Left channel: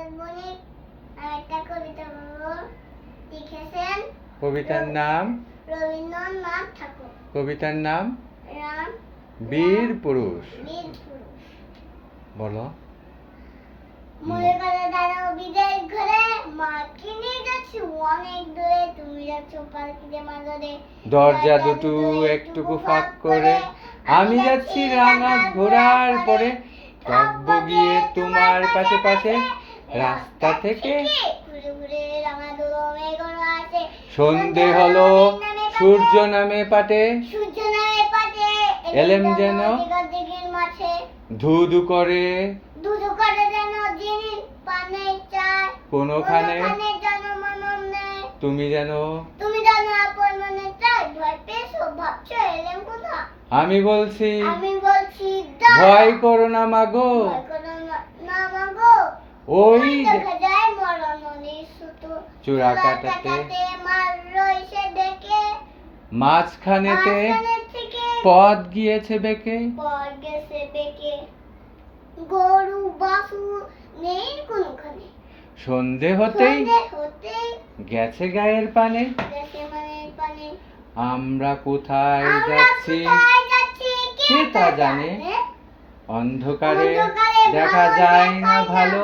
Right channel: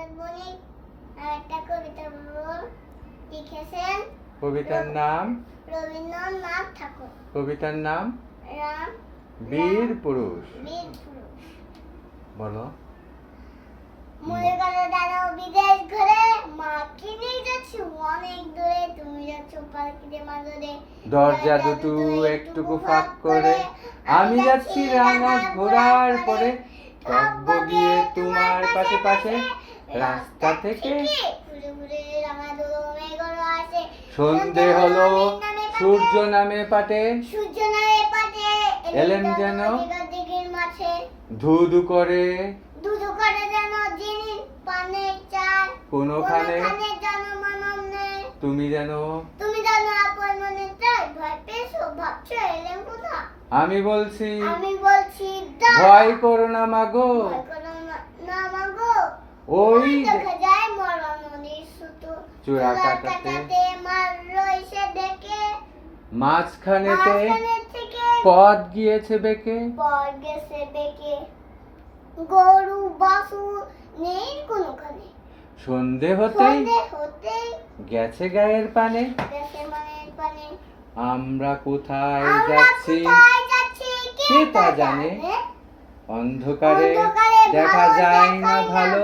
আজাদ বণিক একটা কবিতা লিখেছেন। কবিতার নাম রবীন্দ্রনাথ ঠাকুর। কবিতার নাম রাম বীর পুরুষ। বীর পুরুষ। বলো। মরে গেল দাঁড়াও বিদেশ ঘরে, মাকে নিয়ে যাচ্ছি অনেক দূরে, তুমি যাচ্ছ পালকিতে মাঝরে, দরজা দুটো একটুকু ফাঁক করে, আমি যাচ্ছি রাঙা ঘোড়ার পরে, থাকবো গিয়ে তোমার পাশে পাশে, রাস্তা থেকে ঘুরে ঘুরে রাঙা ধুলো মেঘগুলো আসে। সন্ধে হলো, সূর্য নামে পাটে, সূর্য নামে পাটে, এলেম যেন দিগের মাঠে, ধু ধু করে দুধু করে যেন যিনি পানে চায়, কোনোখানে জনমনন নেই। তুমি জানো আপন মনে চাই, ভয় পেয়েছো ভাবছো এলেম কোথা। আমি বলছি ভয় ভয় করো না মাগো, করো না মাগো, ওই দেখা যায় মরা নদীর সুতো, চূড়া কাটাতে মারলো এসে ডেকে, মাঝখানেতে মাঝখানে থেকে পথ গিয়েছে বেঁকে, পর গেছে বেঁকে, গরু বাছুর নেই কোনোখানে, সন্ধে হতেই হতেই গেছে গায়ের পানে, গেছে মনের পানে। আমরা কোথায় আমরা যাচ্ছি কোথায় যাচ্ছি কে তা জানে, অন্ধকারে দেখা ভালো যায় না দেখায় ভালো,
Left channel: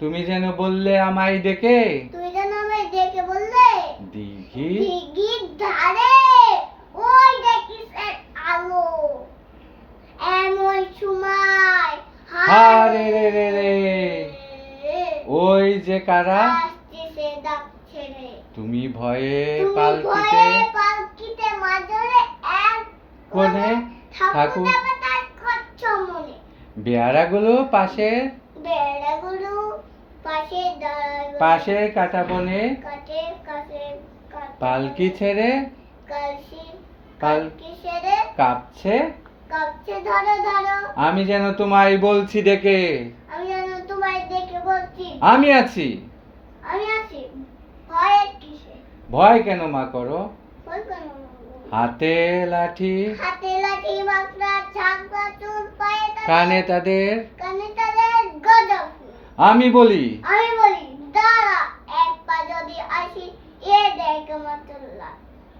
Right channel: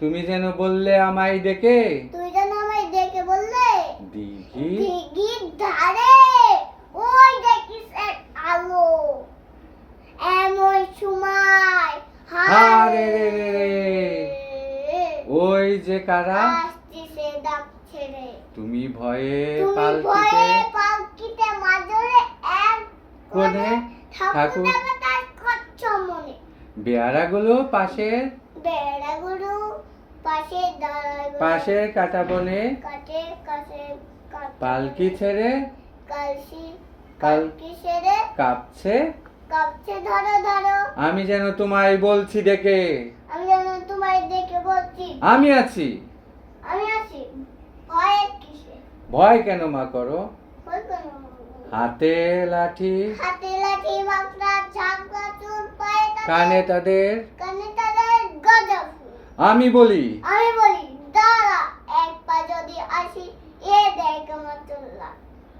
তুমি যেন বললে আমায় ডেকে, তুই যেন আমায় ডেকে বললে দিঘি দিঘির ধারে ওই দেখিস এক আলো, এমন সময় হারে রে রে রে, ওই যে কারা, আসছে ডাক ছেড়ে, তুমি ভয়ে তুমি পালকিতে ভয়ে পালকিতে মাঝরে এক কোণে ঠাকুর ঠাকুর, দেবতার কচ্ছ মনে, বেয়ারাগুলো পাশের বেড়াগুলো পাশে দাঁড়ায়, পাশের কাটা বনে, কাটে কাছে পালকি ছেড়ে কালসি কাল- কালকি সেরে কাঁপছে, কাঁপছে ধরো ধরো, আমি যেন তোমায় বলছি ডেকে, আমি যেন তোমায় দেখে বলছি আমি আছি, আমি আছি, ভয় কিসে, ভয় কেন মা করো, ভয় কেন, হাতে লাঠি হাতে লাঠি বাঁকড়া ঝাঁকড়া চুল পায়ে কানে তাদের, কানে তাদের গজা ফুল। আমি বলি আমি বলি দাঁড়া এক পা যদি আসি, এ দেখ মাতুল্লাহ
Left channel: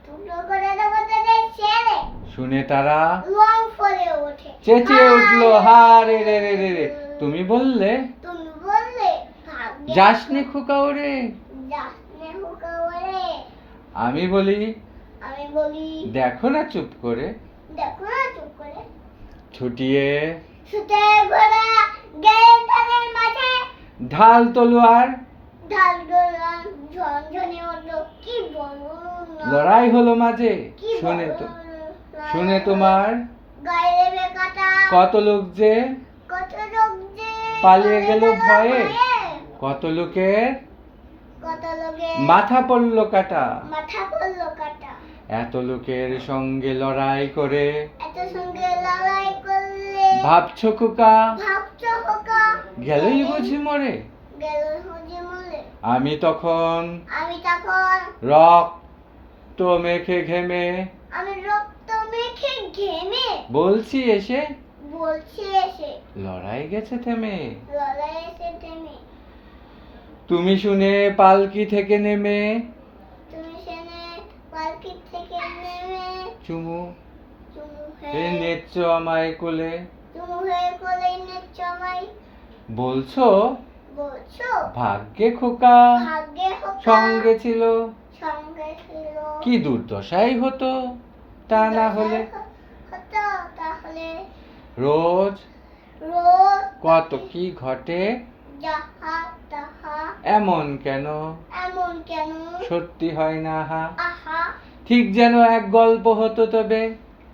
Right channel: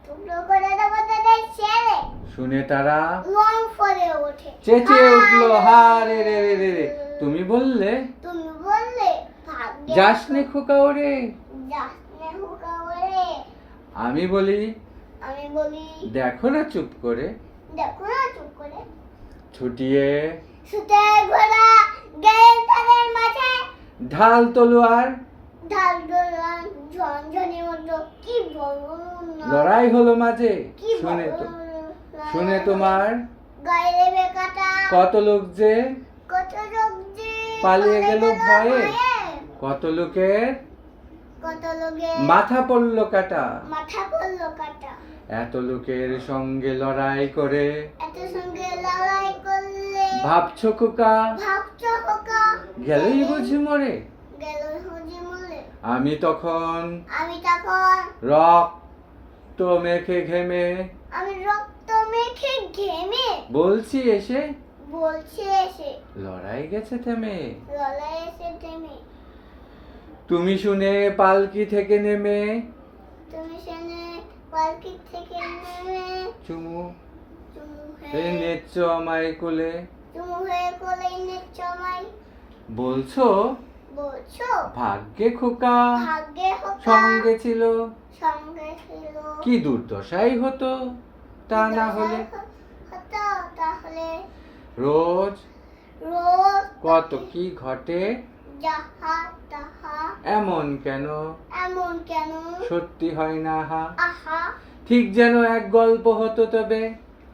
টুকরো করে দেবো তাদের ছেড়ে, শুনে তারা রং ফলে ওঠে, চেঁচিয়ে উঠলো হারে রে রে রে রে, তুমি বললে তুমি বললে ভাগ্যে যাসনে খোকা ওরে, যাসনে হুকা ওরে, আমি বলি আমি বলি দেখো না চুপ করে, দেখো না চুপ করে, ছুটিয়ে ছুটে ঘোড়া গেল তাদের মাঝে, ঢাল তলোয়ার, ঢাল গোলাম ঝনঝনে উঠলো, কি বলবো না, লড়াই হলো মাঝে, কি শুনে তো বলবো, শুনে তোমার গায়ে রেবে কাটা, কত লোক যে কত লোক যে পালিয়ে গেল ভয়ে, ভয়ে, কত লোকের কত লোকে মাথা পড়লো কাটা, মাথা পড়লো কাটা, এত লোকের সঙ্গে লড়াই করে এত সঙ্গে লড়াই করলে ভাবছো খোকা ভাবছো হোকা গেলই বুঝি মরে, গেল হুজি মলে, আমি তখন আমি তখন রক্ত মেখে ঘেমে আমি রক্ত মেখে ঘেমে বলছি এসে বলছি এসে, লড়াই গেছে থেমে, লড়াই এসে থেমে, তুমি শুনে পালকি থেকে নেমে তুমি সেনে পালকি থেকে নেমে চুমু চুমু এ হয়ে নেচ্ছ আমায় কোলে, চুমু হয়ে কোলে নেচ্ছ আমায়, বলছো বলছো ভাগ্যে খোকা ভাগ্যে হোকা সঙ্গে ছিল, সঙ্গে ছিল, কি দুর্দশাই হতো তা না হলে, হতো তাহলে, রোজ রোজ কত কি ঘটে, যাহা তাহা এমন কেন এমন কেন, সত্যি হয় না হা, আহা ঠিক যেন এক গল্প হতো তবে,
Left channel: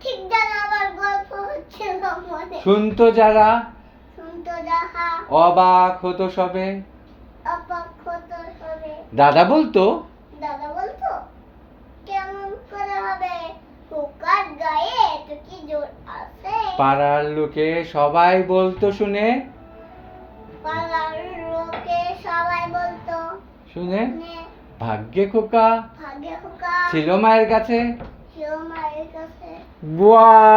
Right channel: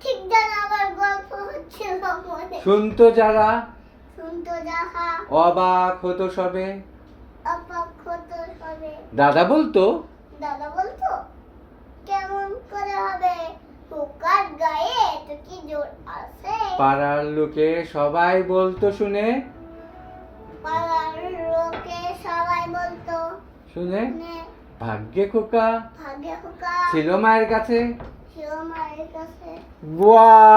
ঠিক যেন আবার গল্প হচ্ছিল মনে, শুনতো যারা শুনতো যাহা অবাক হতো সবে, অবাক হতো সবে, দাদা বলতো দাদা বলতো কেমন করে হবে, হুকার গায়ে তো কি জোর আছে, পাড়ার লোকে সবাই বলতো শুনে পাড়ার লোকে সবাই বলতো শুনে নে ভাগ্যে খোকা ভাগ্যে হুকা ছিল মায়ের কাছে, ছিল মায়ের কাছে। বাহ!